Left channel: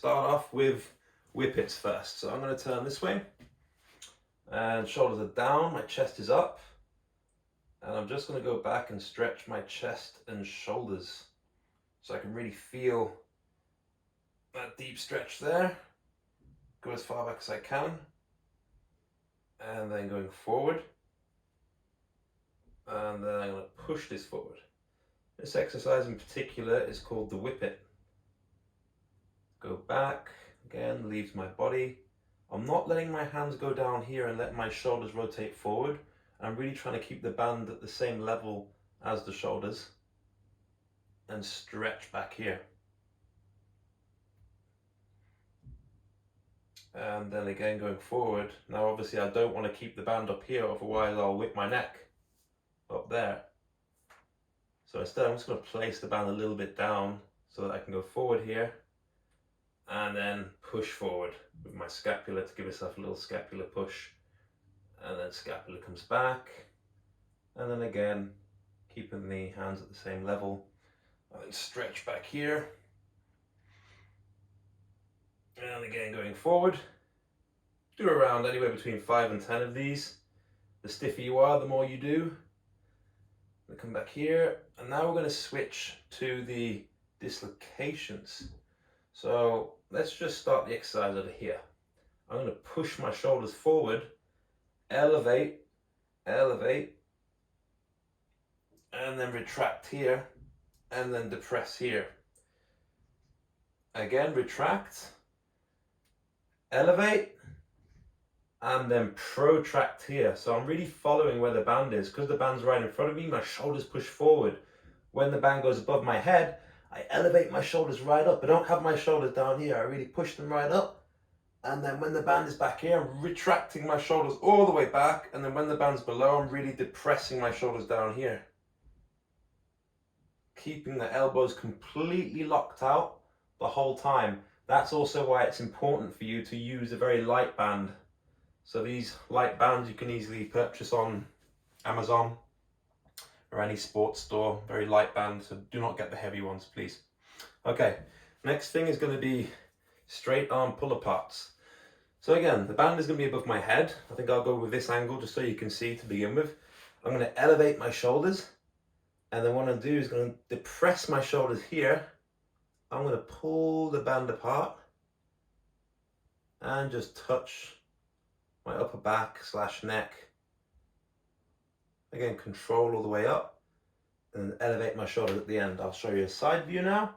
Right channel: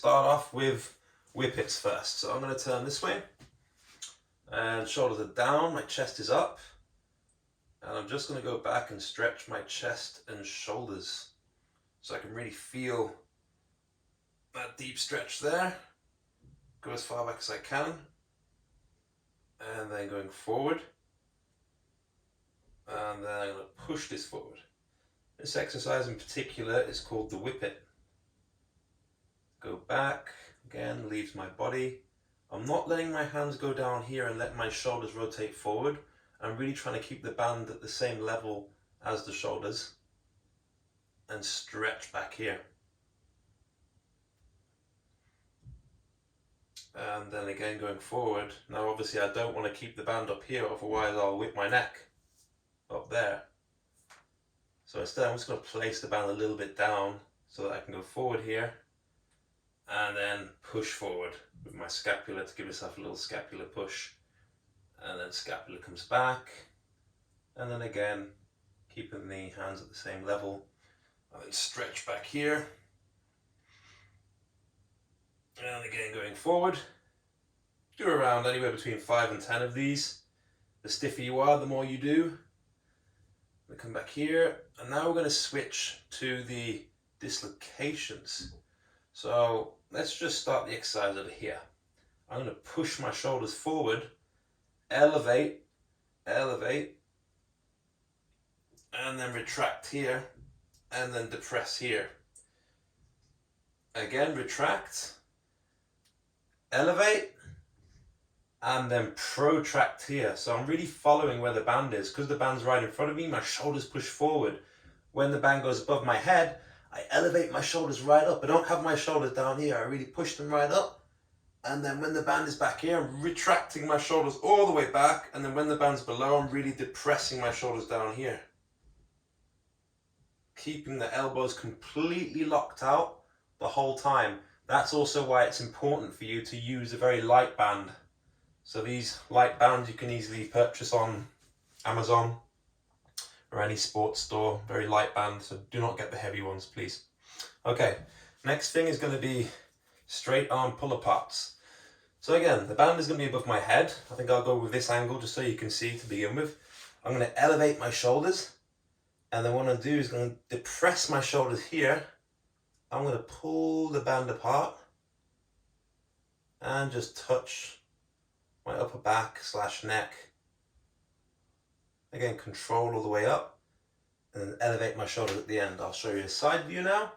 start off with whippets first. So I'm going to turn this way and shoulders are down, my chest is up. And I'm just going to go back and stretch my chest and shoulders so I can really feel that deep stretch there. Go as far back as I can. And then going forward. And then I'm going to push this forward. This exercise in particular is called the whippet. Go back, again, leaves my body. I'm not letting my hands go down here and let my shoulders rotate forward. I'm really trying to keep the band at the same level as the shoulders and stretch back here. And then again going forward. Now obviously I don't want to keep the band up here, otherwise I'll whip my neck up there. So instead I'm just going to place the band a little bit down so that I can go forward here and then push forward with my scapula to give myself a little scapular push. And then scapula comes back, and then again keeping the hands at the same level, and then stretch back here, and again going forward. Do around anywhere between 5 and 10 of these. The stiffer you are, the more you do. We come back here, and now we're going to switch to the dislocations. So let's just start the exercise over here. I'm going to push my shoulders forward, elevate, elevate, and then retract here, and then depress here. Again, retract, elevate, and then protract here. So I'm really following where the band is. Because the band's right in front of me, my shoulders push forward. When the band goes above my head, I elevate my shoulders right up. I don't have my shoulders down here. I really push them right up. And then when the band is back here, I'm retracting my shoulders all the way back. And then when the band's below, I'm really depressing my shoulders down here. Keeping the elbows completely locked out the whole time. That's also why it's important for you to use a very light band. So these light bands you can easily purchase on Amazon or any sports store, very light band. So do not get the heavy ones, please. Okay, next thing is going to be straight arm pull aparts. So again, the band is going to be above my head. I think I'll go with this angle just so you can see to begin with. I'm going to elevate my shoulders, and then what I'm going to do is going to depress my shoulders here. I'm going to pull the band apart and just touch my upper back / neck. Again, control all the way up and elevate my shoulders at the end. I'll show you a side view now.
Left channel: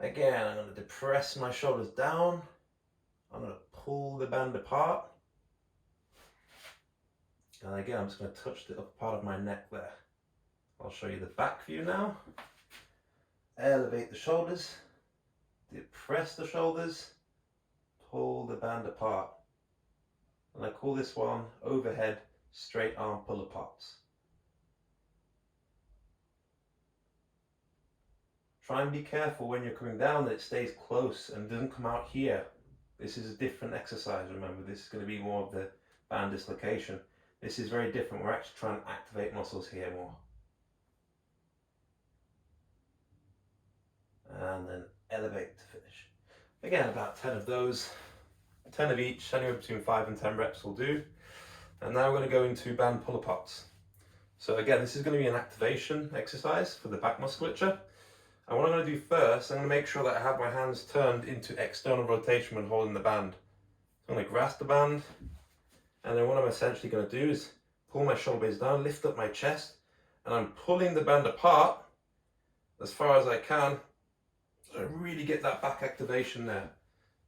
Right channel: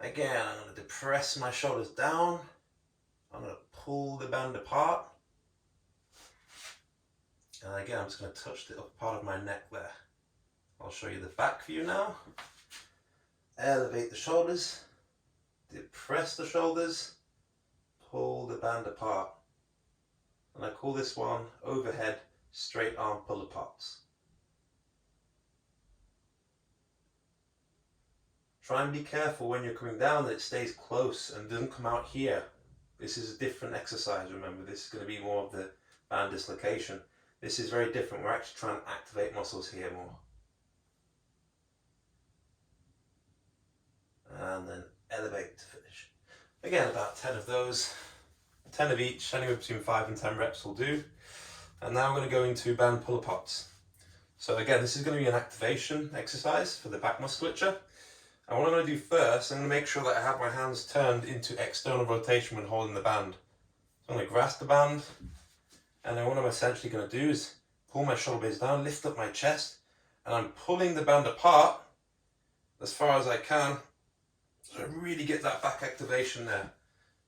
Again, I'm going to depress my shoulders down. I'm going to pull the band apart. And again, I'm just going to touch the upper part of my neck there. I'll show you the back view now. Elevate the shoulders, depress the shoulders, pull the band apart. And I call this one overhead straight arm pull aparts. Try and be careful when you're coming down that it stays close and doesn't come out here. This is a different exercise, remember. This is going to be more of the band dislocation. This is very different. We're actually trying to activate muscles here more. And then elevate to finish. Again, about 10 of those. 10 of each, anywhere between 5 and 10 reps will do. And now we're going to go into band pull aparts. So again, this is going to be an activation exercise for the back musculature. And what I'm going to do first, I'm going to make sure that I have my hands turned into external rotation when holding the band. So I'm going to grasp the band, and then what I'm essentially going to do is pull my shoulder blades down, lift up my chest, and I'm pulling the band apart as far as I can. So I really get that back activation there.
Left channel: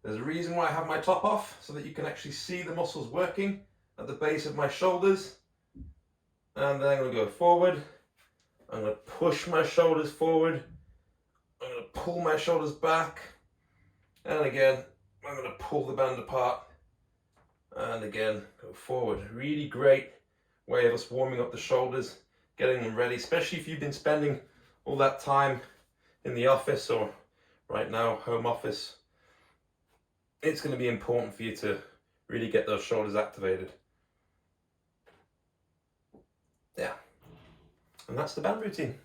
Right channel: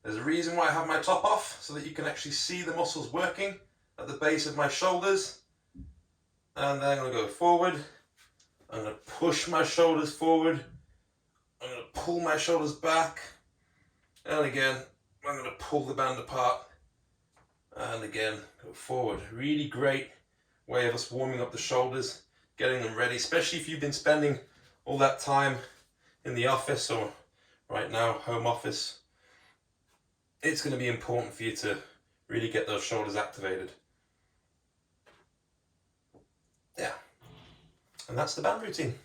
There's a reason why I have my top off, so that you can actually see the muscles working at the base of my shoulders. And then I'm going to go forward. I'm going to push my shoulders forward. I'm going to pull my shoulders back, and again I'm going to pull the band apart, and again go forward. Really great way of us warming up the shoulders, getting them ready, especially if you've been spending all that time in the office or right now home office. It's going to be important for you to really get those shoulders activated. Yeah, and that's the band routine.